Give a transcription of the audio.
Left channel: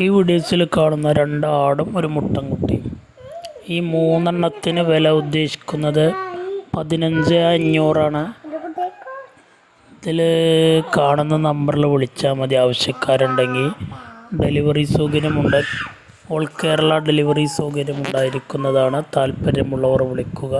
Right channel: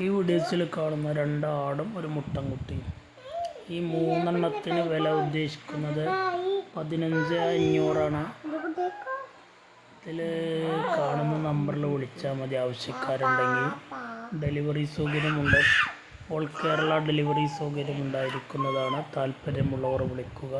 ഈ വീഡിയോസിൽ കാണുന്ന 2 ആടും ഒരു മുട്ടൻകുട്ടിയും. ഈ 3 വില ഉദ്ദേശിക്കുന്നത് 15,500 ആണ്. ഇതിൽ കാണുന്ന നമ്പറിൽ വിളിച്ചാൽ മതി. ആവശ്യക്കാരുണ്ടെങ്കിൽ ഡെലിവറി സൗകര്യമുണ്ട്. All Kerala delivery സൗകര്യമുണ്ടായിരിക്കുന്നതാണ്. താല്പര്യമുള്ളവർ വിളിക്കുക.